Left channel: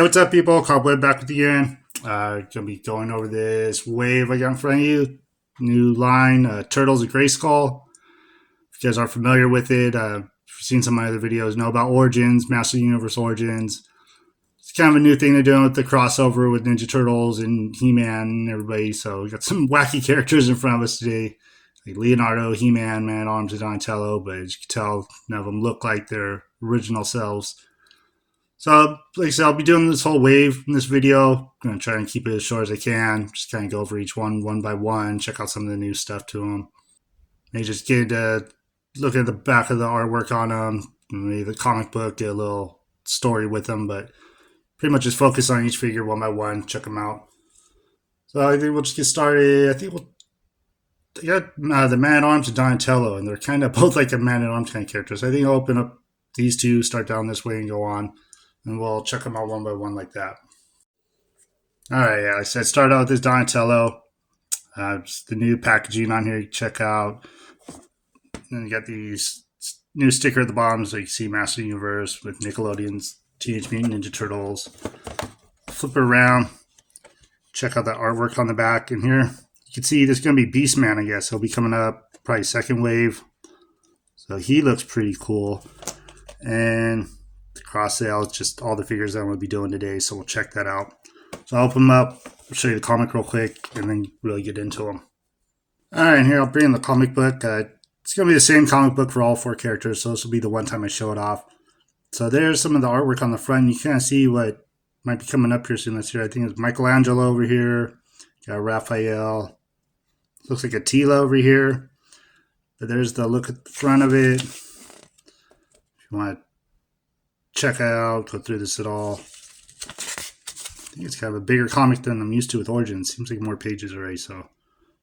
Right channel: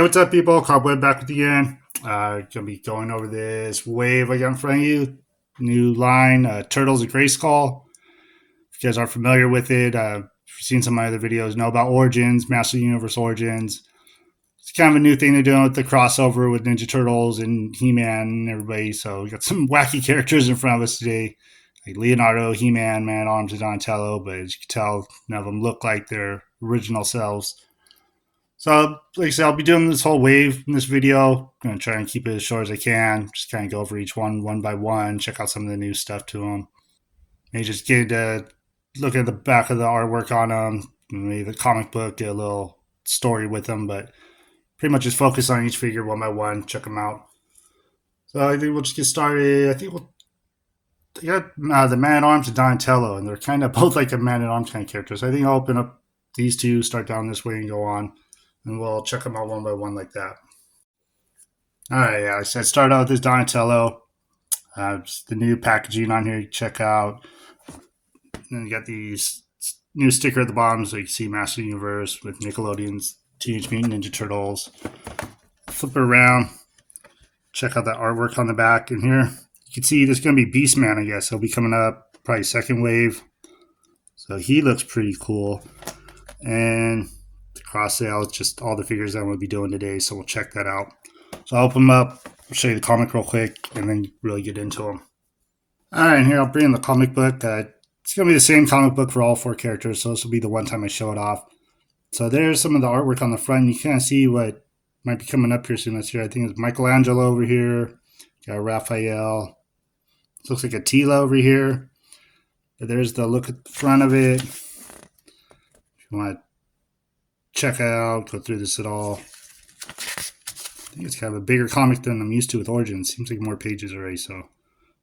Hey, what's up, people? Cobweb back with you again. Gonna be going over this wave I got in front of you. New line, Turtles of Grayskull. If you guys are familiar with it, if you've seen some of my other videos, know about Origins, Master Universe Origins. It's kind of a new thing they're doing with the crossover with Ninja Turtles and HeMan and everybody. So we got some wacky characters in front of us today, like Leonardo, HeMan, Man Arms, and Donatello. But as you can tell, none of them look like their original selves. So, like I said, I'll be doing this whole wave in this video. I'm going to try and keep it as short as I can. Just kind of go over each one by one, check out some of the new stuff to them. Maybe just get to look at the back of the artwork on them, maybe the comic book, get a little story with them, but pretty much just focus on each figure one by one, check them out. So I think we'll just get started. I think they got the Man-at-Arms and Donatello, and they're kind of both like a Man-at-Arms kind of characters. So I think I'll open up these two, start down this way, and go on. And we'll check them out one by one like that. Alright, yeah, so I started out with this Donatello. Just the new packaging on here you check out. And you got these new sticker at the bottom so you can see Master Universe with Nickelodeon's Teenage Mutant Ninja Turtles. Flip it around. Check out that artwork on the back. And here you can see there's going to be Beastman, I guess. He'll be coming up probably second wave. So he looks pretty cool. And cross sale, it's just all the figures that I'm going to be doing today, so we'll check that out. So I'll open them up, show you the comic real quick, and then really get into them. Alright, here I'll bring in the comic book. It's going to be the same comic book for all four characters, so this will be the one time I show it off. So there's some of the artwork on the front. You kind of see what might be coming up here soon. Let's see, I think it's Michelangelo over here. Got Raphael. Looks like Attila over here. But there's the look at the front of it. If you want to check it out, go through this at all. I think it's kind of a bigger comic than I'm used to with Origins. Seems like more pages already, so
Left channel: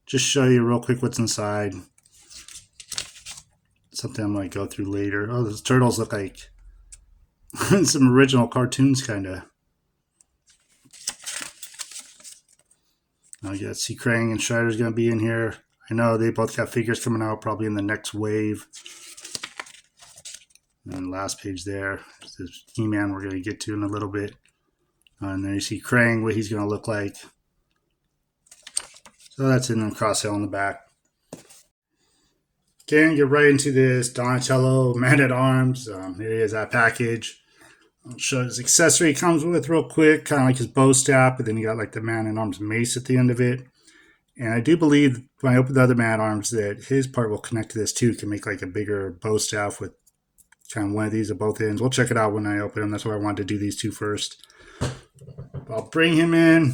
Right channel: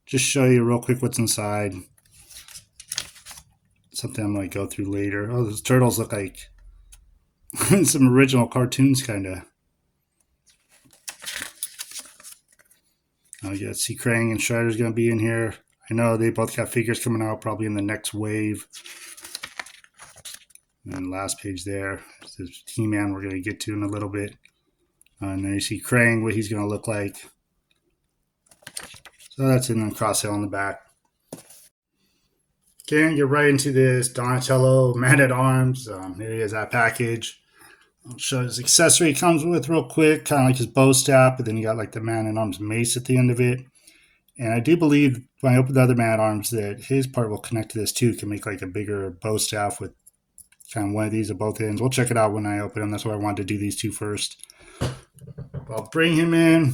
just show you real quick what's inside. Something I might go through later. Oh, those turtles look like some original cartoons, kind of. Oh, you got see Krang and Shredder's going to be in here. I know they both got figures coming out probably in the next wave. And last page there, this HeMan we're going to get to in a little bit. And then you see Krang, what he's going to look like. So that's in the cross sale on the back. Again, get right into this Donatello Man-at-Arms. Here he is, that package. I'll show his accessory it comes with real quick, kind of like his bow staff, but then you got like the Man-at-Arms mace at the end of it. And I do believe when I open the other Man-at-Arms that his part will connect to this too, can make like a bigger bow staff with kind of one of these at both ends. We'll check it out when I open them. That's why I wanted to do these two first. I'll bring him in.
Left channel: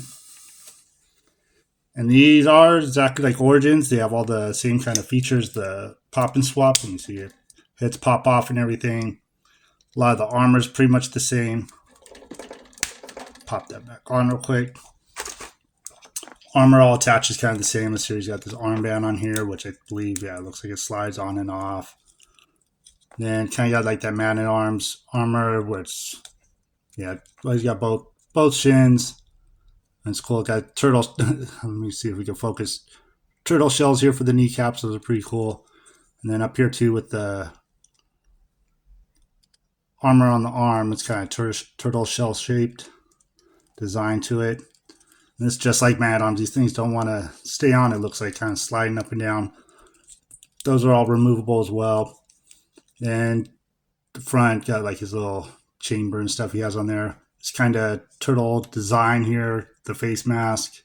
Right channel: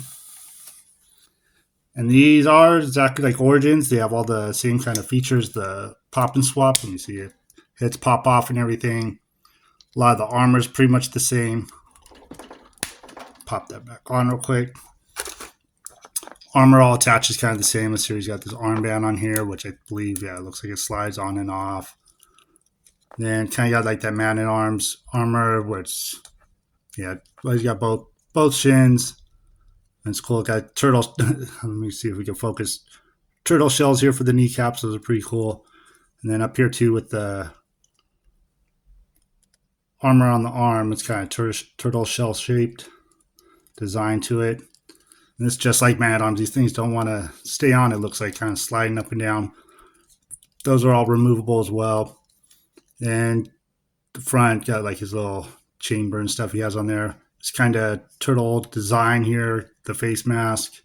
And these are exactly like Origins. They have all the same kind of features. The pop and swap. Let me see it. Heads pop off and everything. A lot of the armor is pretty much the same. Pop that back on real quick. Armor all attaches kind of the same. This series got this armband on here, which I believe, yeah, it looks like it slides on and off. Then kind of got like that Man-at-Arms armor, which, yeah, well, he's got both shins. And it's cool. Got turtle. Let me see if we can focus. Turtle shells here for the kneecaps. Those are pretty cool. And then up here too with the armor on the arm. It's kind of turtle shell shaped design to it. And it's just like Man-at-Arms. These things don't want to stay on. It looks like kind of sliding up and down. Those are all removable as well. And the front got like his little chamber and stuff he has on there. It's kind of turtle design here, the face mask.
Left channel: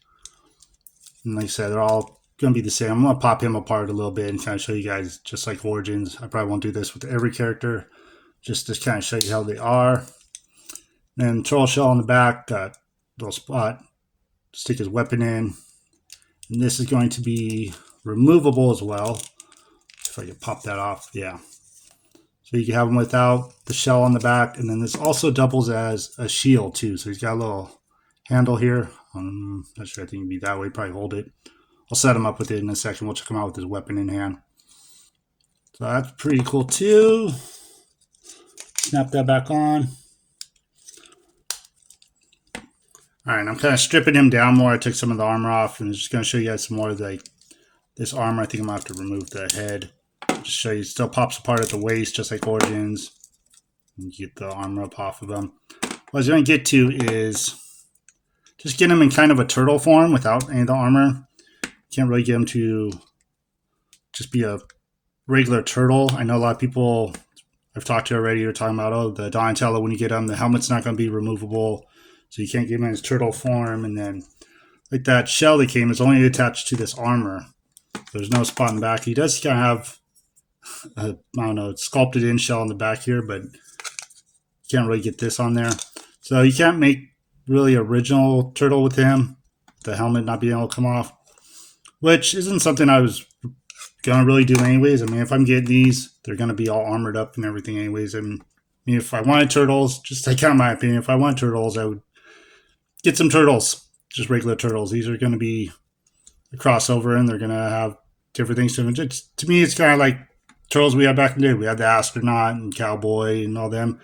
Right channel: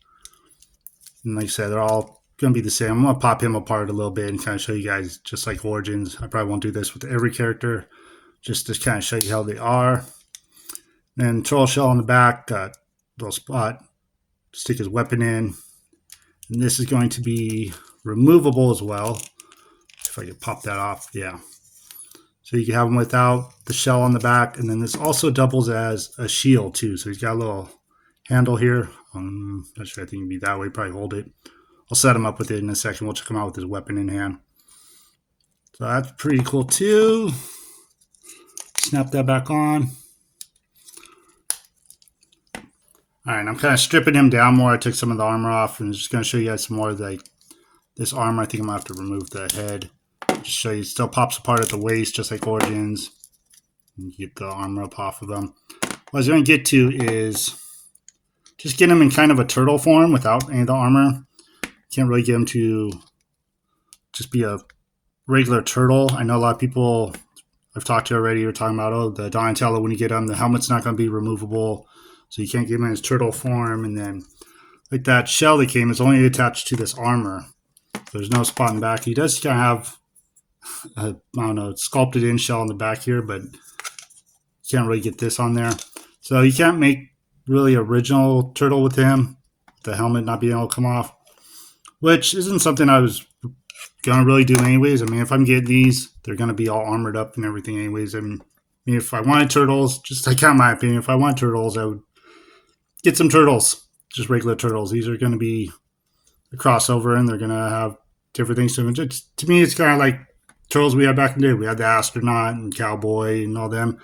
And like I said, they're all going to be the same. I'm going to pop him apart a little bit and kind of show you guys just like Origins. I probably won't do this with every character, just to kind of show you how they are. Then turtle shell on the back, got a little spot. Stick his weapon in. And this is going to be removable as well. If I could pop that off, yeah. So you can have him without the shell on the back. And then this also doubles as a shield too. So he's got a little handle here. Not sure, I think it'd be that way. Probably hold it. I'll set him up with it in a second. We'll check him out with his weapon in hand. So that's pretty cool too. Snap that back on. Alright, I'm kind of stripping him down more. I took some of the armor off and I'm just going to show you guys some more of like this armor. I think I'm going to have to remove the head. Just show you, it still pops apart at the waist, just like Origins. You get the armor up off of them. what I was going to get to is just get him in kind of a turtle form without any of the armor. Can't really get him to just be a regular turtle. I know a lot of people I've talked to already are talking about, oh, the Donatello, when you get him, the helmet's not going to be removable, so you can't get him in his turtle form. And then, like that shell that came is only attached to this armor. There's no spot in the back. He does kind of have I don't know, sculpted in shell on the back here, but you can't really get this on there. So you can't make really original turtle with him, the helmet not being able to come off, which isn't something I was gonna really do anyways. I mean, if I'm getting these, they're gonna be all armored up and everything anyways. And I mean, if I wanted turtles, just like in my opinion, if I want turtles, I would get some turtles, just regular turtles. These are gonna be a crossover, and they're gonna have different things to them. To me, it's kind of like turtles we had back in the day. We had the astronaut and cowboy and all them.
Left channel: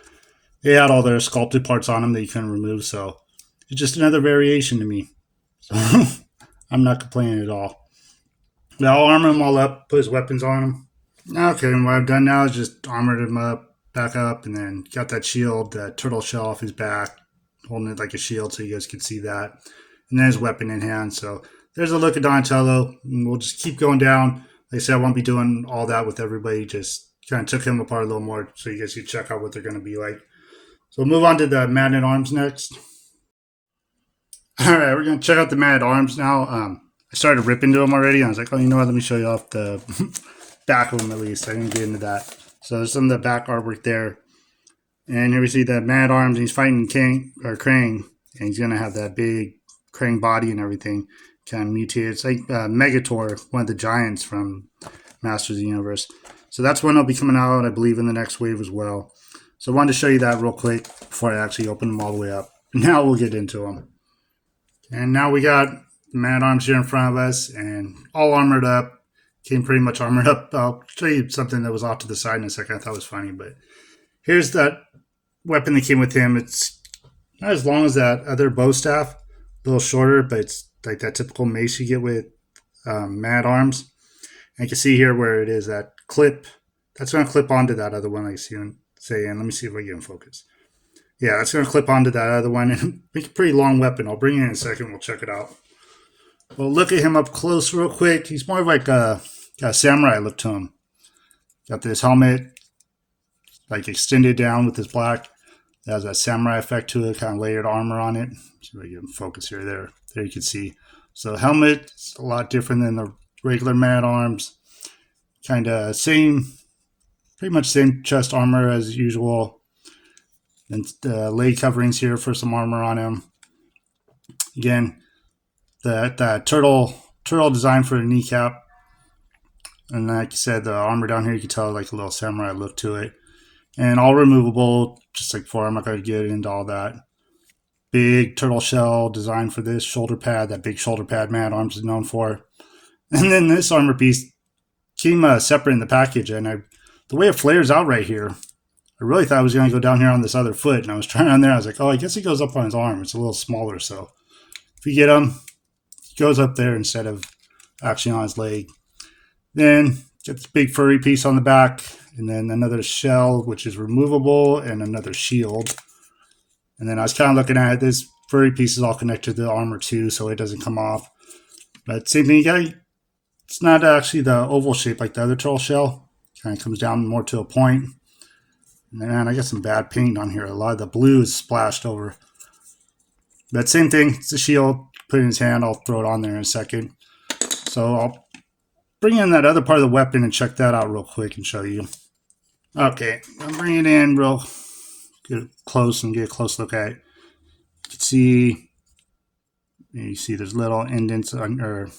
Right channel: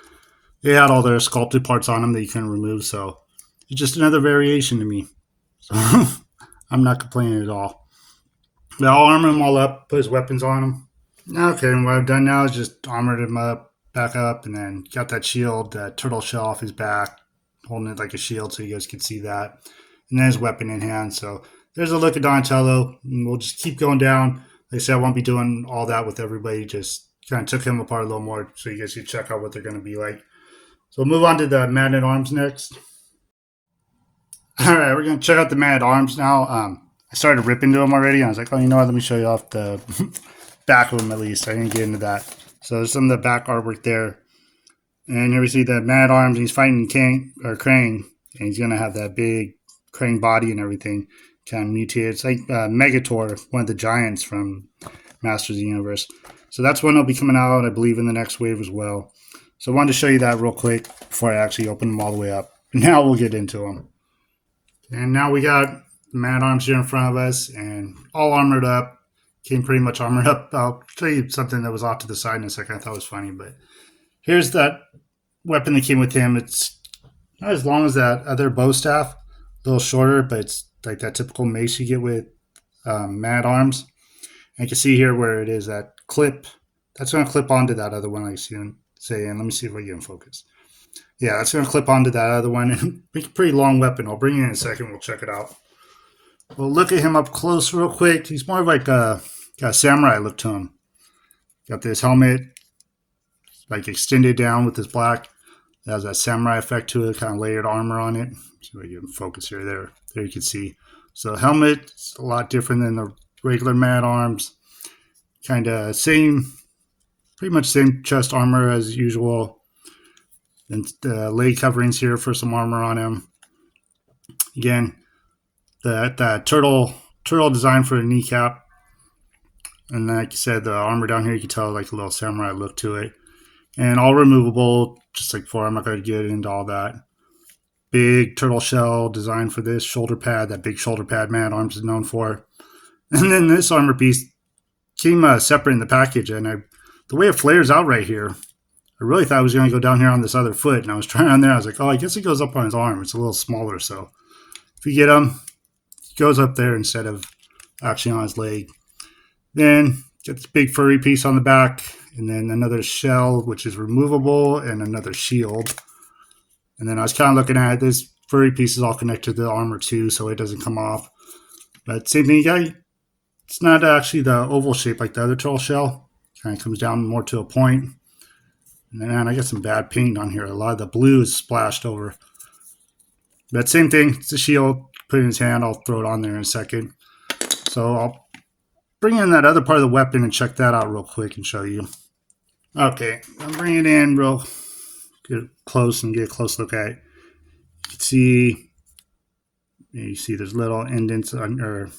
They had all their sculpted parts on them that you couldn't remove, so it's just another variation to me. So I'm not complaining at all. But I'll armor him all up, put his weapons on him. Okay, and what I've done now is just armored him up, back up, and then got that shield, that turtle shell off his back, holding it like a shield so you guys can see that. And then his weapon in hand. So there's a look at Donatello, and we'll just keep going down. Like I said, I won't be doing all that with everybody, just kind of took him apart a little more so you guys can check out what they're going to be like. So we'll move on to the Man-at-Arms next. All right, we're going to check out the Man-at-Arms now. I started ripping to them already. I was like, oh, you know what? Let me show you off the back of them at least. I didn't get into that. So there's some of the back artwork there. And here we see the Man-at-Arms. He's fighting Krang. And he's going to have that big Krang body and everything. Kind of mutated. It's like Megator, one of the giants from Masters of the Universe. So that's when it'll be coming out, I believe, in the next wave as well. So I wanted to show you that real quick before I actually open them all the way up. Now we'll get into them. And now we got the Man-at-Arms here in front of us and all armored up. Came pretty much armored up. I'll show you something that was off to the side in a second I thought was funny. But here's that weapon that came with him. It's not as long as that other bow staff. A little shorter, but it's like that typical mace you get with Man-at-Arms. And you can see here where it is, that clip. That's going to clip onto that other one, like you see him say. And let me see if I get in focus. Yeah, that's going to clip onto that other one and make a pretty long weapon. I'll bring it in a second. We'll check it out. Well, look at him up close real quick. He's more like got a samurai look to him. Got this helmet like extended down with this black. It has that samurai effect to it, kind of layered armor on it. So we get in focus here. There you can see. So the helmet is a lot different than the regular Man-at-Arms. Kind of pretty much same chest armor as usual. And the leg coverings here for some armor on him. Again, that turtle design for the kneecap. And like you said, the armor down here, you can tell like a little samurai look to it. And all removable, just like before. I'm not going to get into all that. Big turtle shell design for this shoulder pad, that big shoulder pad Man-at-Arms is known for. And then this armor piece came separate in the package. And the way it flares out right here, I really thought I was going to go down here on this other foot. And I was trying on there. I was like, oh, I guess it goes up on his arm. It's a little smaller. So if you get him, it goes up there instead of actually on his leg. Then get this big furry piece on the back. And then another shell, which is removable, and another shield. And then I was kind of looking at it. This furry piece is all connected to the armor too, so it doesn't come off. But same thing, it's not actually the oval shape like the other turtle shell. It kind of comes down more to a point. And then I got some bad paint on here. A lot of the blue is splashed over. But same thing, it's a shield. Put it in his hand. I'll throw it on there in a second. So I'll bring in that other part of the weapon and check that out real quick and show you. Okay, I'll bring it in real close and get a close look at it. You see there's little indents or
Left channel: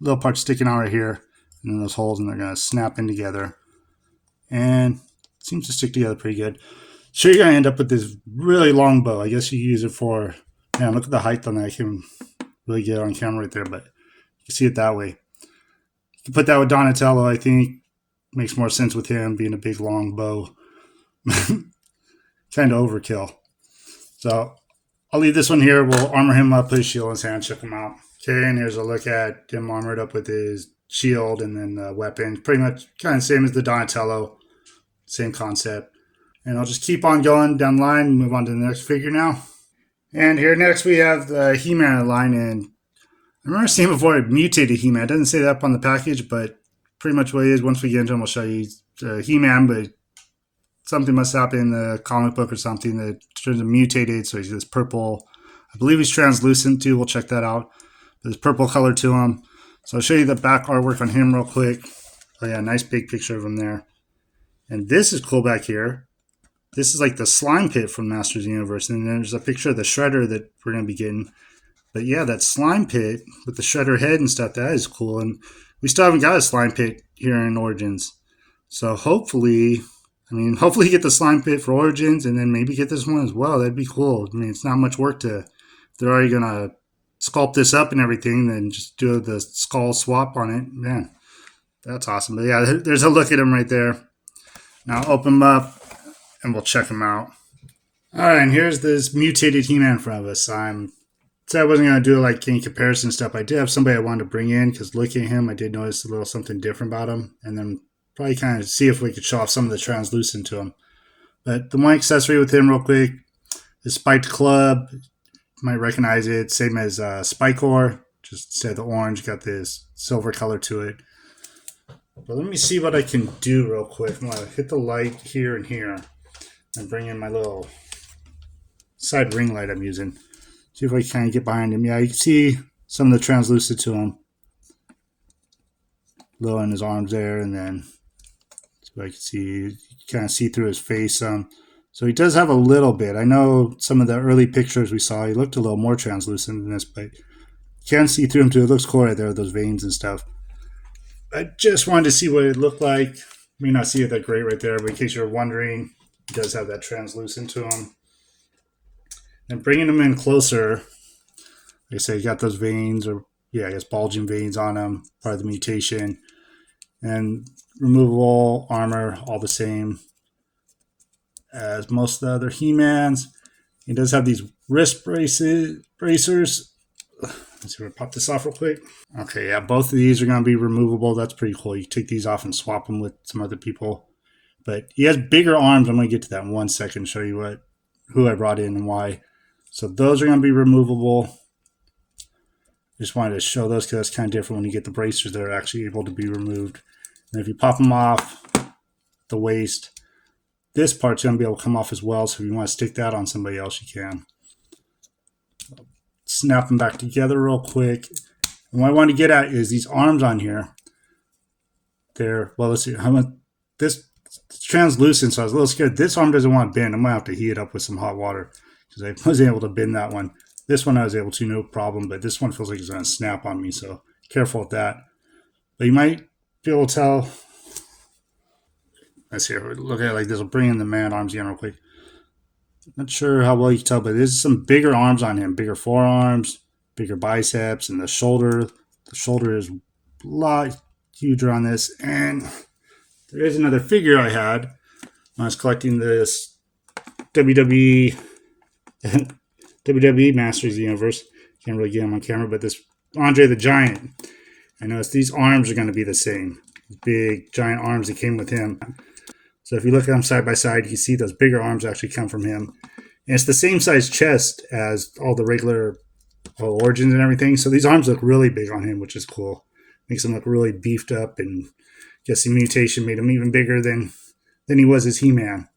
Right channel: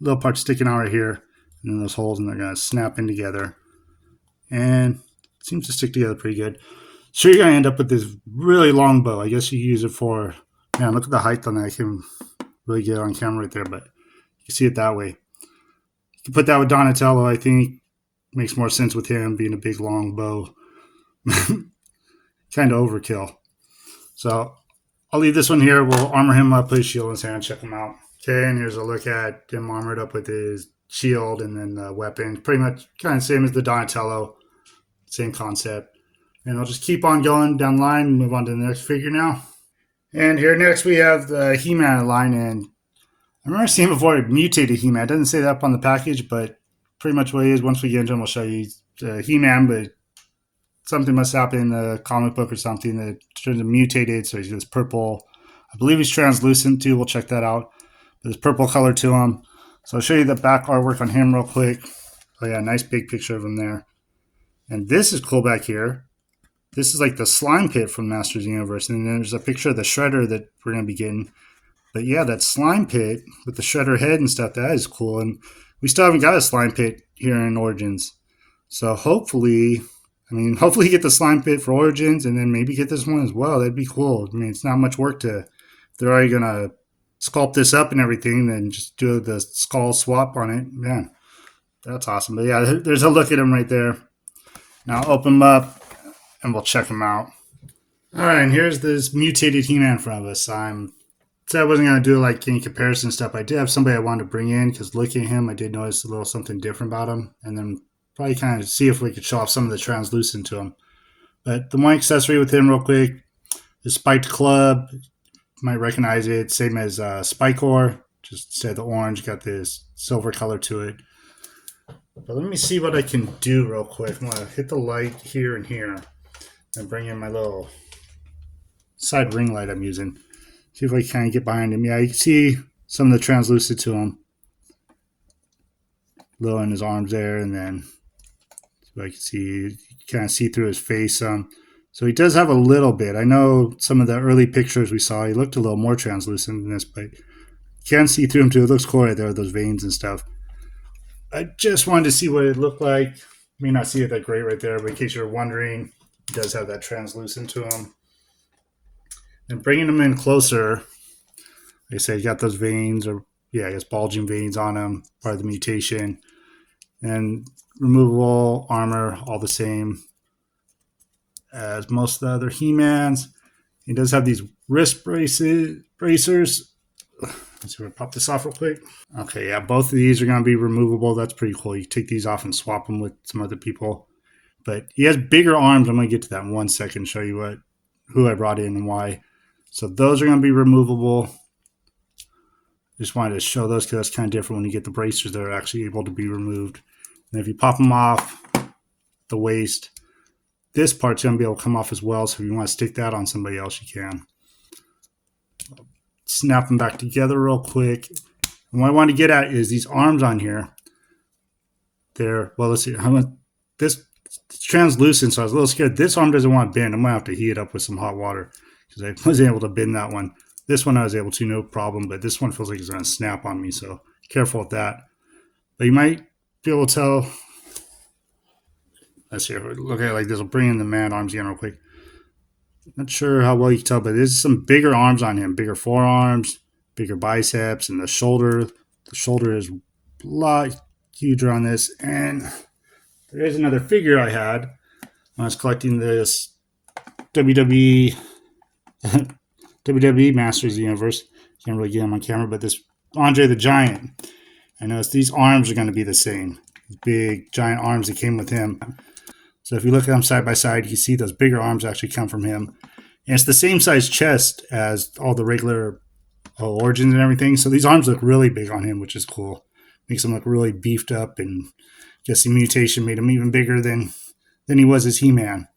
little parts sticking out right here, and then those holes, and they're going to snap in together. And it seems to stick together pretty good. So you're going to end up with this really long bow. I guess you use it for, man, look at the height on that. I can't really get it on camera right there, but you can see it that way. You can put that with Donatello, I think. Makes more sense with him being a big long bow. Kind of overkill. So I'll leave this one here. We'll armor him up, put his shield in his hand, check him out. Okay, and here's a look at him armored up with his shield and then the weapon. Pretty much kind of same as the Donatello. Same concept. And I'll just keep on going down the line and move on to the next figure now. And here next we have the HeMan line, and I remember seeing before it mutated HeMan. It doesn't say that up on the package, but pretty much what it is. Once we get into him, I'll show you HeMan, but something must happen in the comic book or something that turns him mutated. So he's this purple. I believe he's translucent too. We'll check that out. There's purple color to him. So I'll show you the back artwork on him real quick. Oh yeah, nice big picture of him there. And this is cool back here. This is like the slime pit from Masters of the Universe. And then there's a picture of the Shredder that we're going to be getting. But yeah, that slime pit with the Shredder head and stuff, that is cool. And we still haven't got a slime pit here in Origins. So hopefully get the slime pit for Origins and then maybe get this one as well. That'd be cool. I mean, it's not much work to, if they're already going to sculpt this up and everything, then just do the skull swap on it. Man, that's awesome. But yeah, there's a look at him right there. Now I'll open him up and we'll check him out. All right, and here's this mutated HeMan in front of us. I said I wasn't going to do like any comparison stuff. I did have somebody I wanted to bring in because looking at him, I did notice a little something different about him. And then probably kind of see if we could show off some of the translucent to him. But the one accessory with him real quick is Spiked Club. You might recognize it. Same as Spikor. Just instead of the orange, got this silver color to it. But let me see what I can do real quick. I'm going to hit the light here and here and bring in my little side ring light I'm using. See if we can kind of get behind him. Yeah, you can see some of the translucent to him. Little in his arms there, and then so I can see, you kind of see through his face some. So he does have a little bit. I know some of the early pictures we saw, he looked a little more translucent than this, but you can see through him too. It looks cool right there, those veins and stuff. I just wanted to see what it looked like. May not see it that great right there, but in case you're wondering, he does have that translucent to him. And bringing him in closer, like I said, you got those veins, or yeah, I guess bulging veins on him, part of the mutation. And removable armor, all the same as most of the other HeMans. He does have these wrist bracers. Let's see if I pop this off real quick. Okay, yeah, both of these are going to be removable. That's pretty cool. You take these off and swap them with some other people. But he has bigger arms. I'm going to get to that in 1 second, show you who I brought in and why. So those are going to be removable. Just wanted to show those because that's kind of different when you get the bracers that are actually able to be removed. And if you pop them off the waist, this part's going to be able to come off as well. So if you want to stick that on somebody else, you can. Snap them back together real quick. And what I want to get at is these arms on here. Well, let's see. This translucent, so I was a little scared. This arm doesn't want to bend. I'm going to have to heat it up with some hot water because I wasn't able to bend that one. This one I was able to, no problem, but this one feels like it's going to snap on me, so careful with that. But you might be able to tell. Let's see, look at it like this. We'll bring in the man arms again real quick. Not sure how well you can tell, but there's some bigger arms on him, bigger forearms, bigger biceps, and the shoulder. The shoulder is a lot huger on this. And there is another figure I had when I was collecting this WWE Masters of the Universe. Can't really get him on camera, but this Andre the Giant. I noticed these arms are going to be the same. These big, giant arms that came with him. So if you look at them side by side, you can see those bigger arms actually come from him. And it's the same size chest as all the regular Origins and everything. So these arms look really big on him, which is cool. Makes him look really beefed up, and I guess the mutation made him even bigger than he was as HeMan.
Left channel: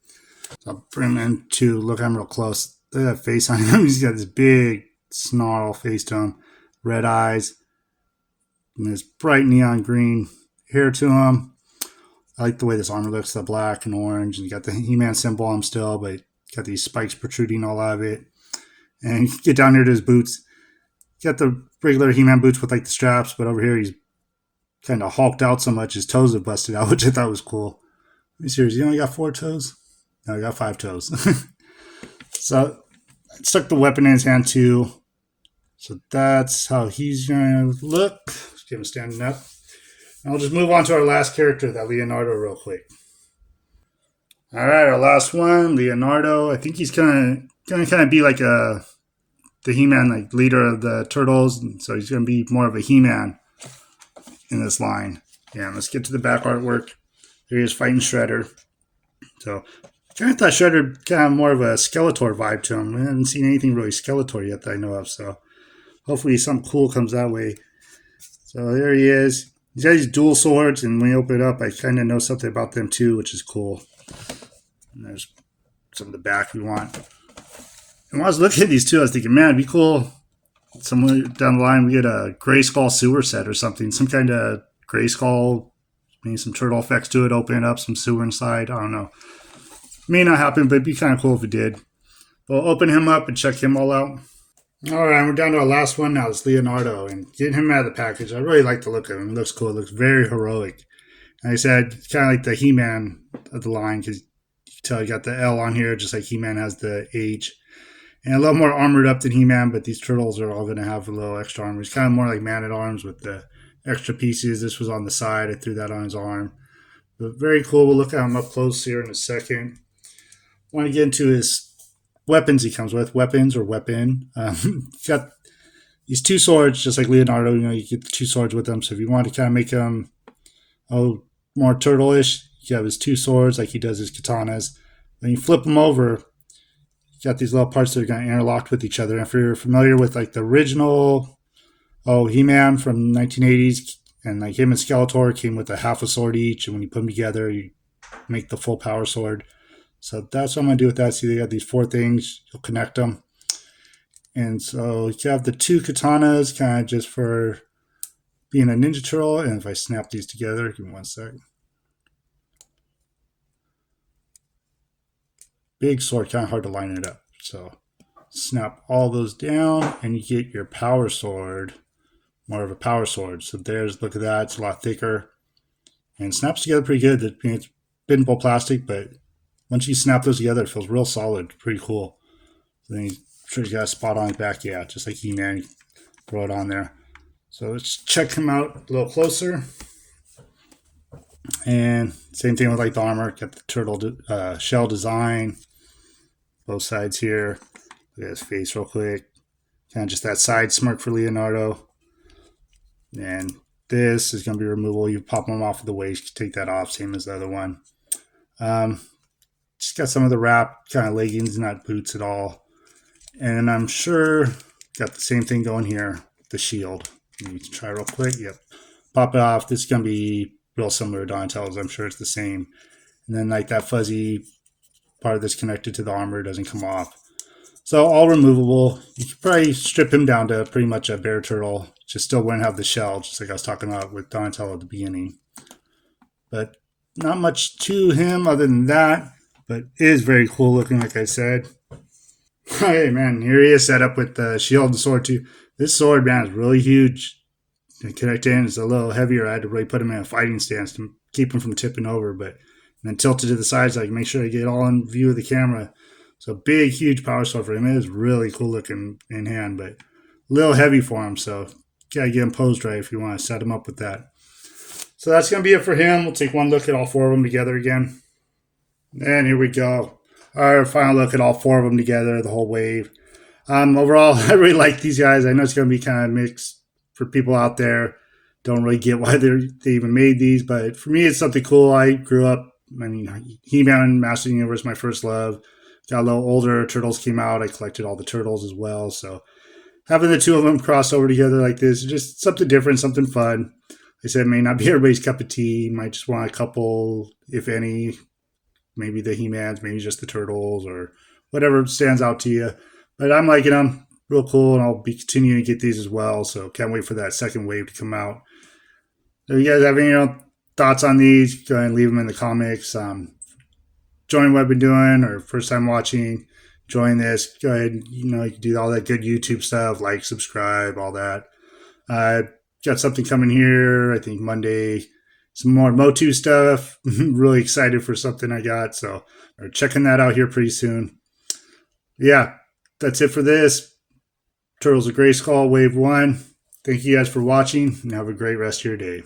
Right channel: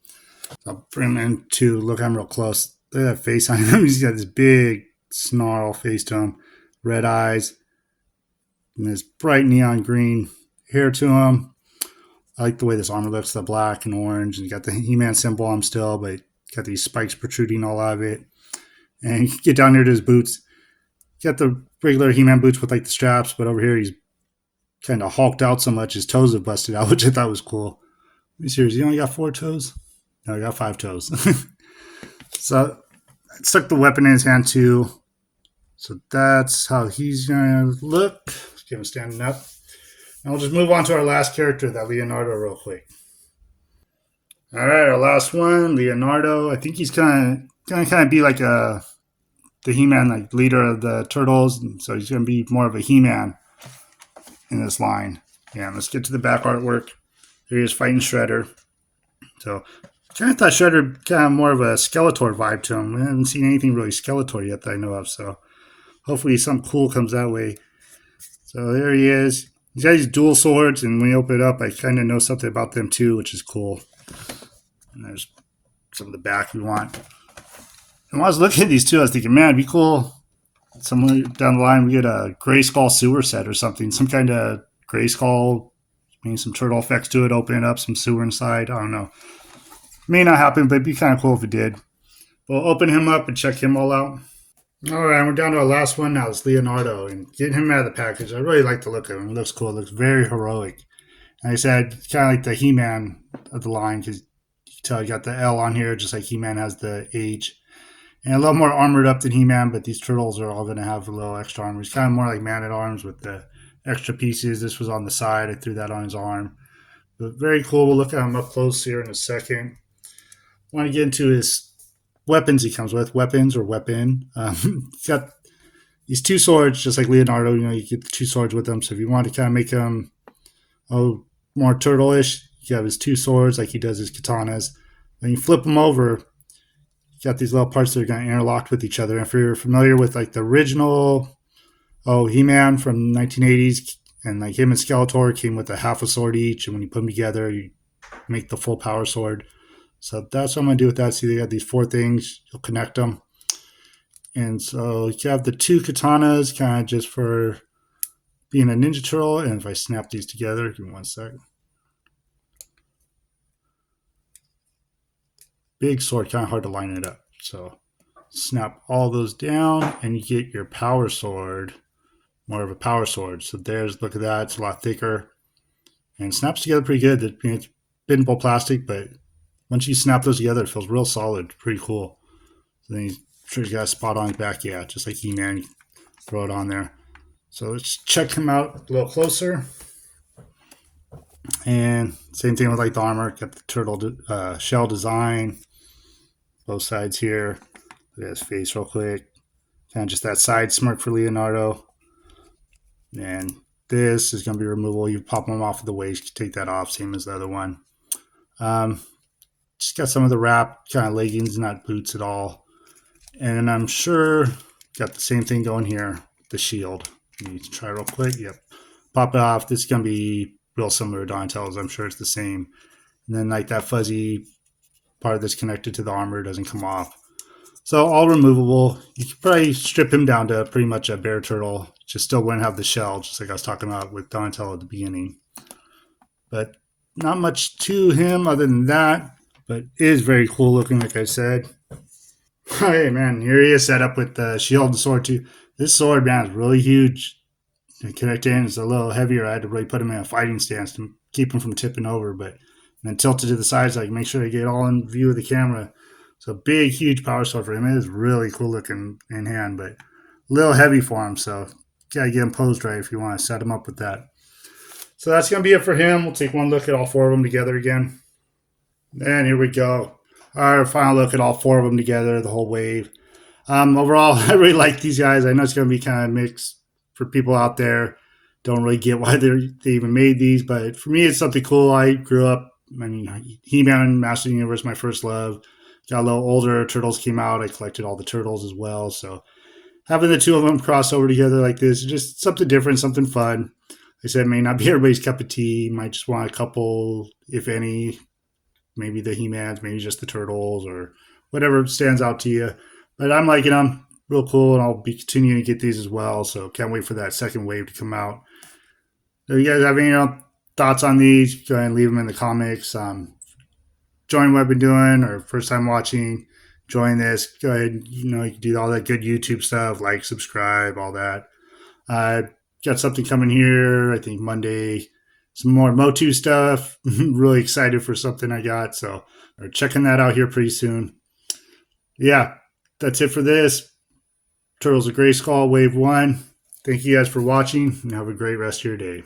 So I'll bring him in to look at him real close. Look at that face on him. He's got this big snarl face to him. Red eyes. And this bright neon green hair to him. I like the way this armor looks, the black and orange. And you got the HeMan symbol on him still, but got these spikes protruding all out of it. And you get down here to his boots. You got the regular HeMan boots with like the straps, but over here he's kind of hulked out so much his toes have busted out, which I thought was cool. Let me see, you only got 4 toes? No, I got 5 toes. So I stuck the weapon in his hand too. So that's how he's going to look. Let's get him standing up. And I'll just move on to our last character, that Leonardo, real quick. All right, our last one, Leonardo. I think he's going to be like the HeMan, like leader of the Turtles. And so he's going to be more of a HeMan in this line. Yeah, let's get to the back artwork. Here he is fighting Shredder. So Kind of thought Shredder kind of more of a Skeletor vibe to him. I haven't seen anything really Skeletor yet that I know of, so hopefully something cool comes that way. So there he is. He's got these dual swords, and when you open it up, I kind of know something about them too, which is cool. And there's some of the back we want. And when I was looking at these two, I was thinking, man, it'd be cool. Somewhere down the line, we get a Grayskull sewer set or something, some kind of Grayskull, maybe some turtle effects to it, open it up, some sewer inside. I don't know. May not happen, but it'd be kind of cool if it did. We'll open him up and check him all out. All right, we're down to our last one now. It's Leonardo, and getting him out of the package. I really like the look of him. It looks cool. It looks very heroic. And I said, kind of like the HeMan of the line, because you can tell you got the L on here, just like HeMan has the H. And a little more armored up than HeMan, but these turtles are all going to have a little extra armor. It's kind of more like Man at Arms with the extra pieces. This was on the side. I threw that on his arm. But very cool. We'll look at him up close here in a second. I want to get into his weapons he comes with, weapons or weapon. He's got these two swords, just like Leonardo. You know, you get the two swords with him. So if you want to kind of make him more turtle-ish, you have his two swords like he does his katanas. Then you flip them over. You got these little parts that are going to interlock with each other. And if you're familiar with like the original HeMan from 1980s, and like him and Skeletor came with a half a sword each, and when you put them together, you make the full power sword. So that's what I'm going to do with that. See, they got these four things. You'll connect them. And so you have the two katanas kind of just for being a Ninja Turtle. And if I snap these together, give me one sec. Big sword, kind of hard to line it up. So snap all those down and you get your power sword, more of a power sword. So there's, look at that. It's a lot thicker and snaps together pretty good. It's bendable plastic, but once you snap those together, it feels real solid. Pretty cool. So then he's got a spot on his back. Yeah, just like HeMan. Throw it on there. So let's check him out a little closer. And same thing with like the armor. Got the turtle shell design. Both sides here. Look at his face real quick. Kind of just that side smirk for Leonardo. And this is going to be removable. You pop them off of the waist. Take that off. Same as the other one. Just got some of the wrap kind of leggings, not boots at all. And I'm sure got the same thing going here, the shield. You can try real quick. Yep. Pop it off. This is going to be real similar to Donatello's. I'm sure it's the same. And then like that fuzzy part that's connected to the armor doesn't come off. So all removable. You could probably strip him down to pretty much a bear turtle. Just still wouldn't have the shell, just like I was talking about with Donatello at the beginning. But not much to him other than that. But it is very cool looking, like I said. Hey, man, here he is set up with the shield and sword, too. This sword, man, is really huge. To connect in, it's a little heavier. I had to really put him in a fighting stance to keep him from tipping over, but then tilt it to the sides, like make sure I get all in view of the camera. So big, huge power sword for him. It is really cool looking in hand, but a little heavy for him, so gotta get him posed right if you want to set him up with that. So that's going to be it for him. We'll take one look at all four of them together again. And here we go. Our final look at all four of them together, the whole wave. Overall, I really like these guys. I know it's going to be kind of mixed for people out there. Don't really get why they even made these, but for me, it's something cool. I grew up, HeMan, Master of the Universe, my first love. Got a little older, Turtles came out. I collected all the Turtles as well. So having the two of them cross over together like this is just something different, something fun. I said it may not be everybody's cup of tea. You might just want a couple, if any, maybe the HeMans, maybe just the Turtles or whatever stands out to you. But I'm liking them. Real cool, and I'll be continuing to get these as well. So can't wait for that second wave to come out. If you guys have any thoughts on these, go ahead and leave them in the comments. Join what I've been doing or first time watching, join this. Go ahead, you can do all that good YouTube stuff, like, subscribe, all that. Got something coming here, I think Monday. Some more Motu stuff. Really excited for something I got. So we're checking that out here pretty soon. Yeah, that's it for this. Turtles of Grayskull Wave 1. Thank you guys for watching and have a great rest of your day.